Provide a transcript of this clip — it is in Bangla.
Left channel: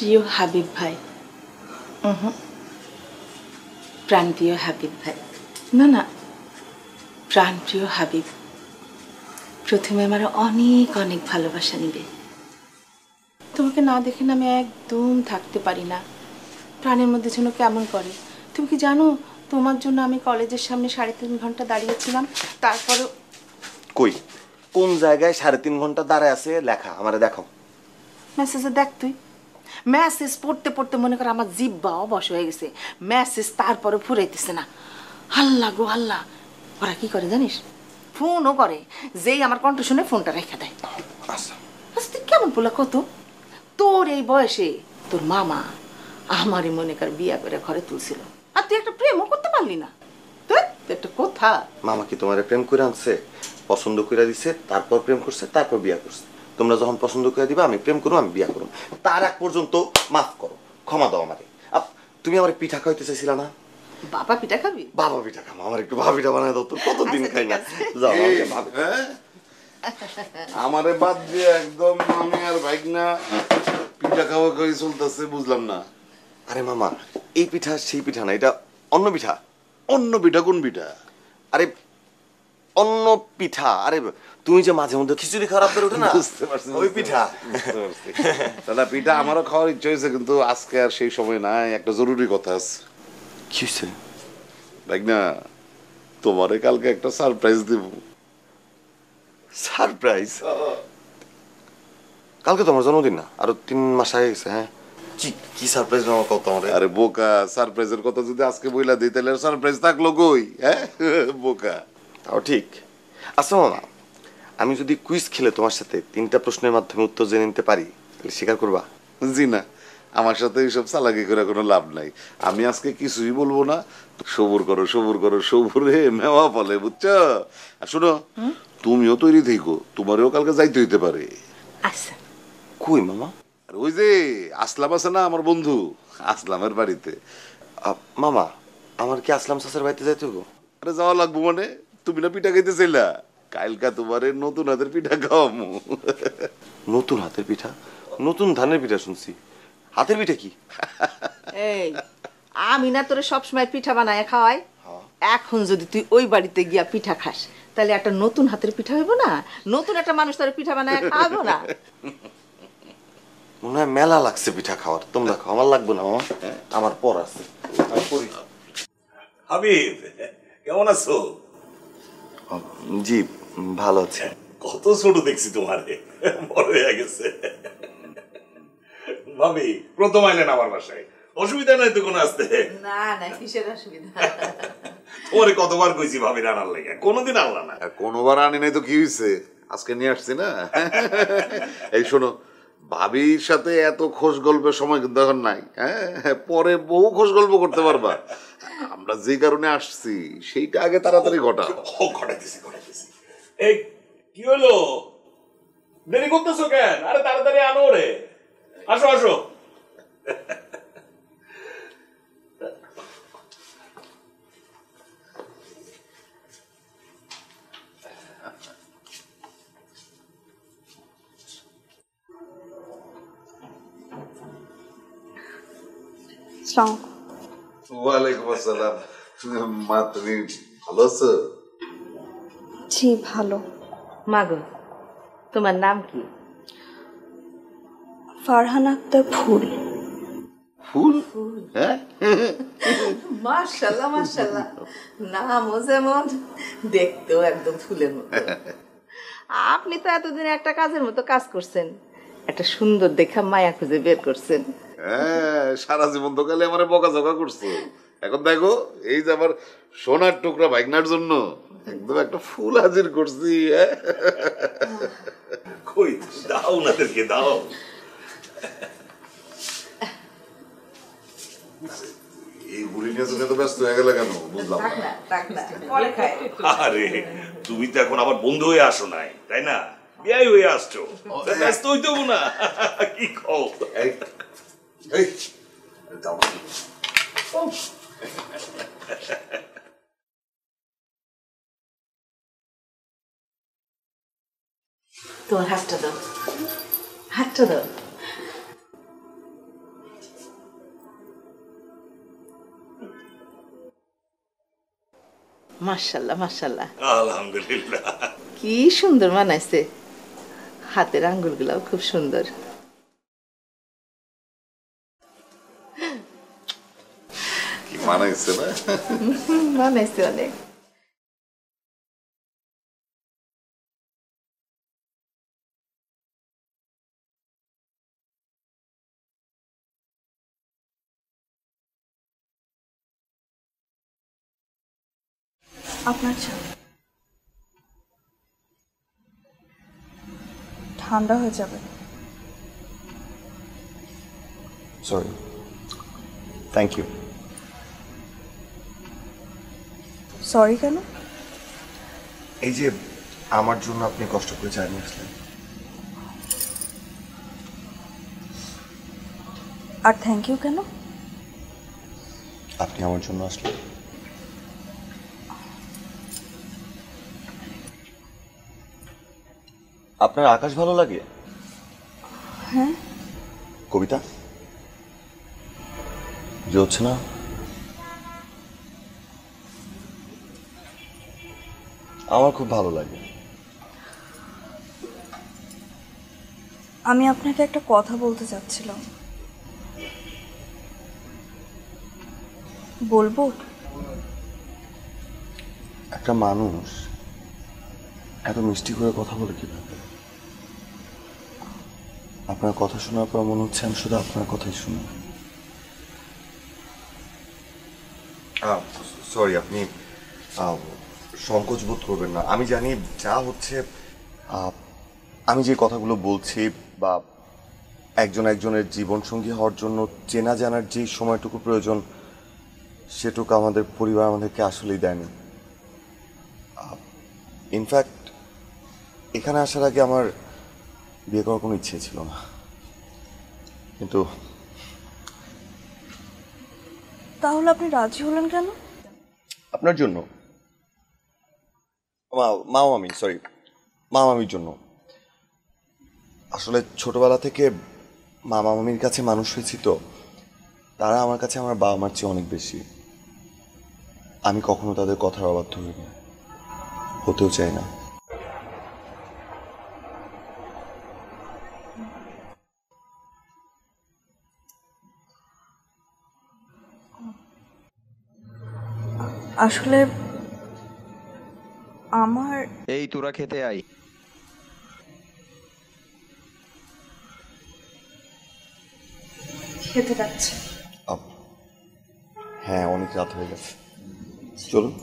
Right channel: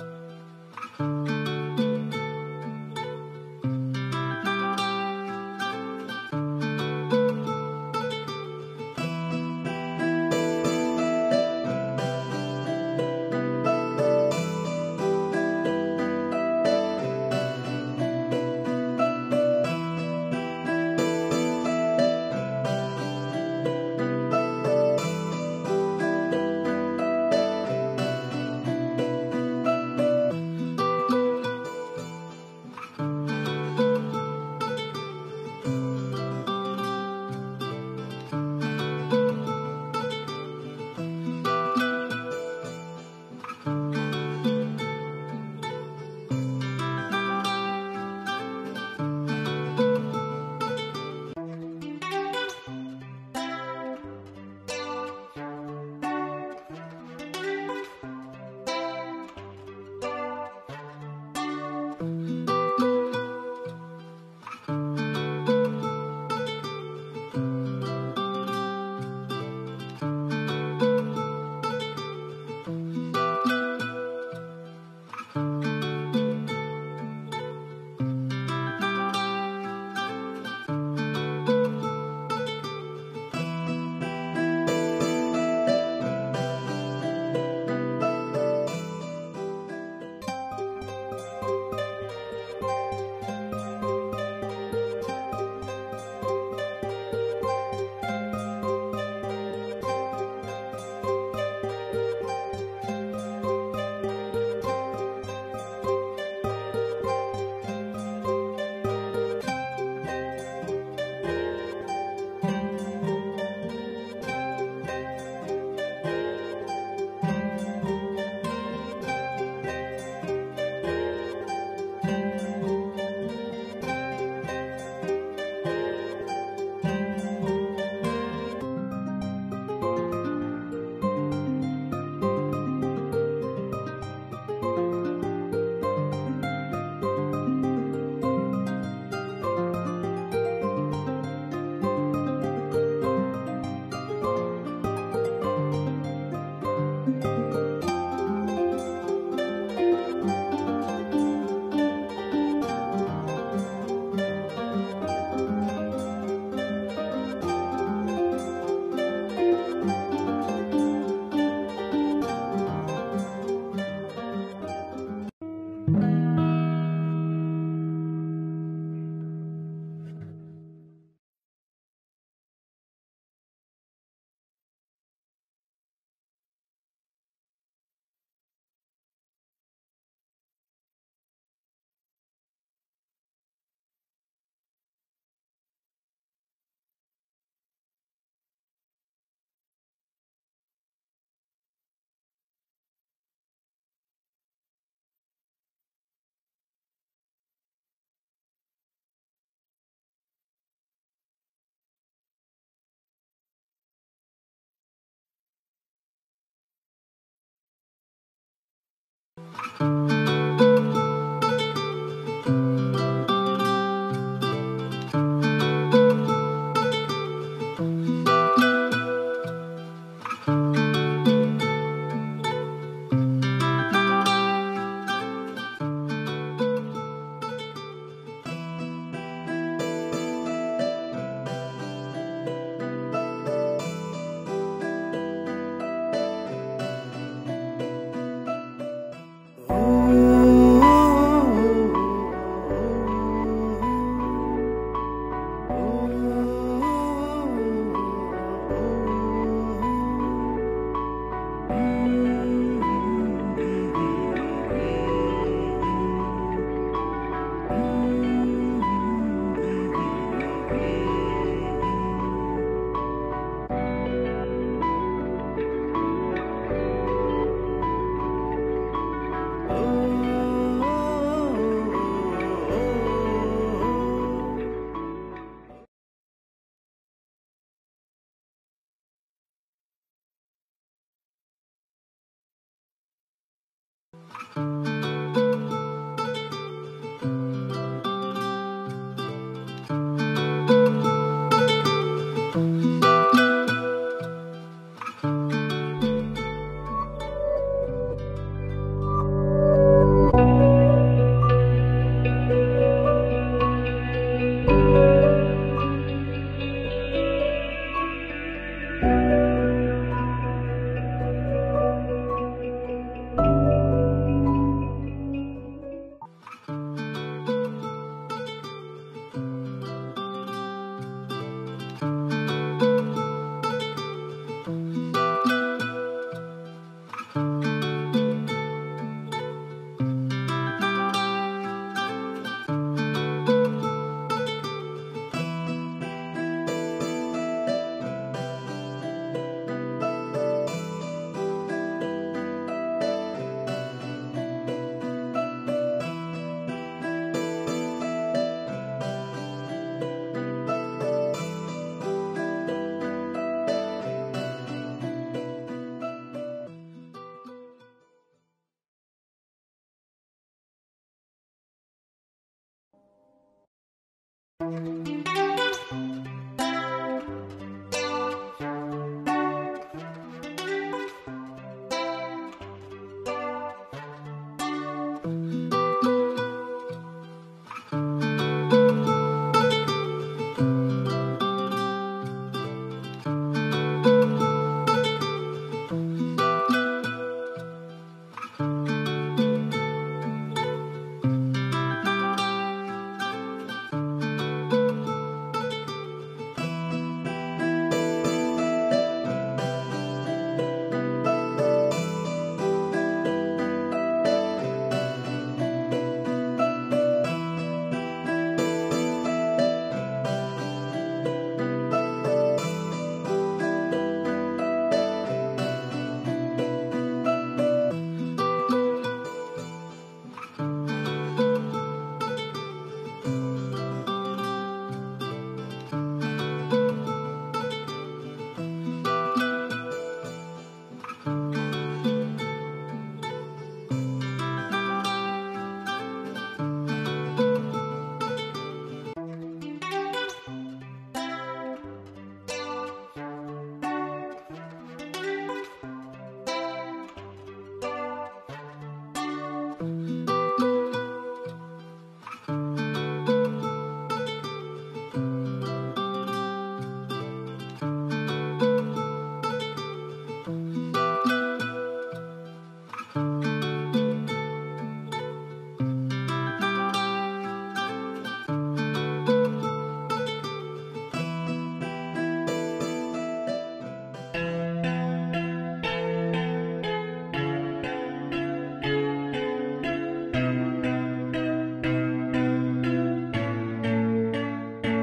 প্রিয় হাবিব ভাই, প্রাণপ্রিয় হাবিব ভাই, না না, প্রাণপ্রিয় হাবিব, প্রথমে আমার অনেক অনেক ভালোবাসা নিবে। তোমাকে না দেখে না আমি একদম থাকতে পারি না, প্রাণের মধ্যে যেন কেমন করে। তুমি কি জানো, তোমার জন্য আমি কলেজের সামনে 3.5 ঘন্টা দাঁড়িয়েছিলাম। তারপরে কই কোন জায়গায় 3.5 ঘন্টা দাঁড়ায় আছে লেখা আমারে দেখো। মেসেজে দেখতে, মেসেজ পড়তে পড়তে মনে করে আমার জিব্বা অবশ হয়ে গেছে। মেসেজ তারপরে ফুরাইতেছে না। হাল্লা গো হাল্লা। ওরা কি করে জানিস, ফোনও করে, যেই আমার কণ্ঠ শুনে ফোনটা রেখে দেয়। তুই কেমন বলা কত, তোর এই বয়সে তোর মামা আমারই মনে কর বিয়া করে ঘরে তুলছিল, আর তুই একটা প্রেমও করতে পারলি না। একটা কথা, মামা কি তোমার প্রেম করে আনছে, পছন্দ করে দিছে, তারপর প্রেম করছে, তারপর বিয়া করছে। তোমরা যখন পছন্দ করে দিবা আমি প্রেম করবো, আমি বিয়া করবো, তার আগ পর্যন্ত মাফ করো, ক্ষমা দাও আমার। তুমি আমার পিঠা খাইতে চাইছিলা না? বাবা পিঠা খাবি? বাবা পিঠা খাবো, আমার একটু ভাবা পিঠা বানায় দাও তো, কতদিন খাই না। আমারে বাদ দিয়ে একদম আমি আর ভাইগনা পিঠা খাওয়া খাওয়াই চলতেছে, বুঝলাম না। আরে মামা, এই পিঠা সেই পিঠা না, এটা অন্য পিঠা। অন্য পিঠা? কোন পিঠা? আরে অন্য পিঠা, আরে তুমি যে মাঝে মধ্যে খিচুড়ি খারাপ করে ওঠে না, ওই পিঠা। দাদা পিঠা আমারও খাওয়ার ইচ্ছা হয়েছে, কিন্তু আজকে আর সেই সময় নাই, একটা জরুরি কথা আছে। কি হয়েছে? ভাইগনা, তোমারে কালকে একটা সারপ্রাইজ দেব। সারপ্রাইজ? কালকে তোমার জন্মদিন না, আরো 3 মাস আগে গেছে। হ্যাঁ, কি সারপ্রাইজ নেওয়া কত আমারে? আরে বোকা, সারপ্রাইজের কথা যদি আজকে বইলা দিই তাহলে সারপ্রাইজ থাকলো কই? হ্যাঁ বোকা। তাও ঠিক। আচ্ছা মামা, আমি যদি কুইজ খেলে তোমার সাথে 3টা প্রশ্নের মাধ্যমে উত্তর জেনে নিতে পারি, স্বীকার করবা? জি না, আমার সাথে এইসব চালাকি করে কোনো লাভ নাই। আমি আজকে কিছুই বলবো না। সবুর করো, সবুর করো, সবুরে মেওয়া ফলে, বুঝছো? শোনো, তুমিও তৈরি থেকো, তোমারও কালকে যাইতে হইতে পারে। আচ্ছা। কই মামা? ওই যে আসলাম আছে না, আমার বন্ধু, আসলামের বাড়িতে। মামা, আমার কি আসলাম চাচার বাড়িতে যাইতে হবে? আরে যাওয়া লাগবো মানে? তুমি না পিঠা খাইতে চাইলা, কালকা তোমারে নতুন হাতের পিঠা খাওয়াবো। নতুন হাতের পিঠা? নতুন ধানের পিঠা শুনছি, হাতের পিঠা কি? আমি না তোরে সবসময় পিঠা বানায় খাওয়াই, এখন যদি তুই ওই বাড়িতে গিয়া পিঠা খাস তাহলে একটা নতুন হাতের পিঠা হইব না? নতুন একটা মানুষ তার পিঠা বানায় খাওয়াবো না? মনে হয় মেলা লাগছে পিঠা খাওয়ার। তোমরা খাও, আমার লাগবে না মামা, আমার পর আছে। হাবিব, কেমন আছো? জি ভালো আছে। কত ছোট দেখছি তোমারে, বড় হয়ে গেছে। ভাবি, প্রথম আইলেন আমার বাসায়, অসুবিধা নাই তো কোনো আসতে? না না, কিসের অসুবিধা? তোমারে কতবার কইছি ভাবি রান্নার লেগে, কোনোদিন আনলা না। কোনোবার আনি নাই তো কি হয়েছে, আজকে নিয়ে আসছি না। এই শোনো, ভাবির সাথে এত খোশ গল্পের সময় কিন্তু এখন নাই। হ্যাঁ, পরে বহু খোশ গল্প করতে পারবা। আমরা যে কারণে আসছি সেইটা আগে তাড়াতাড়ি ঘটাও। ঘটাইতেছি। এই কি হলো, দেরি করতেছো কেন? আরে তাড়াতাড়ি আনো রে, আসো আসো। ওয়ালাইকুম আসসালাম। মা, তুমি ভালো আছো? জি ভালো। মাগো, তোমার নাম কি? ফারহান আক্তার ফুল। মাশাআল্লাহ মাশাআল্লাহ, নামও যেমন, দেখতেও একদম ফুলের মতো। আপনি তো এতদিন একটা কাজের মতো কাজ করছেন, একটা সুন্দর দেখা মায়া খুঁজে বের করছেন। হ্যাঁ, সারা জীবন তো খালি আমার বকাঝকা করছে, এখন দেখো এই যে আমার সোনার টুকরা ভাগনার জন্য তুমি একটা ফুল হাজির করছি। কই দাও, ওনাদেরকে দাও। ব্যস্ত হয়ে গেলে কেন? আরে তুমি তো এখন আবার বন্ধু হয়ে আসো নাই, তাই না? বিয়াই হয়ে আসছো, ব্যস্ত হইতে হবো না। কি খাও? তোমার হাতটা দাও, হাতটা দাও। মাশাআল্লাহ মাশাআল্লাহ, আলহামদুলিল্লাহ। কি সুন্দর বানাইছে, হাতের আঙ্গুলগুলাও খুব সুন্দর। কি মানাইছে না? বানাইছে অনেক। আপনার চা ঠান্ডা হয়ে যাবে। Sorry, thank you. সরি কেন? এই যে আমার জন্য আপনি কষ্ট করে চা নিয়ে আসলেন। আর থ্যাংক ইউ কেন? আপনি আমার জন্য আসলেন। আপনার আকাশ ভালো লাগে? হ্যাঁ। কবিতা যে হচ্ছে না? আমার খুব ভালো লাগে। আমি আপনাকে একটা কথা বলতে চাচ্ছিলাম, বলবো? একটা মানুষ এত মিষ্টি করে কথা বলে কি? আপনার কথা শোনার পর মনে হচ্ছে আমি শুধু আপনার কথাই শুনি। সরি, আপনি সংকোচ বোধ করবেন না। আমি জানি যা হচ্ছে, আমি যে কথাগুলো বলছি বা একজন একজনের জীবন সঙ্গী হওয়ার জন্য চেনা জানার যে সময়টুকু প্রয়োজন সেটুকু আমাদের পরিবার আমাদেরকে আসলেই দেয়নি। ইনফ্যাক্ট এখানে আসার আগে আমার বিয়ে করার কোনো ইচ্ছে ছিল না, কিন্তু তাহলে আপনি রাজি হলেন কেন? আপনার জন্য, মামামির জন্য। আসলে ছোটবেলা থেকে মামা মামির কাছে মানুষ হয়েছি তো, তারা আমার কাছে আমার বাবা মার চেয়ে অনেক বেশি। আমি কখনো তাদের কথার অবাধ্য হই, হতেও চাই না। আসলে আমার এই তোরা খেতে আই। খেতে যাচ্ছি। হ্যাঁ, অনেক রাত হয়ে গেছে, চলুন।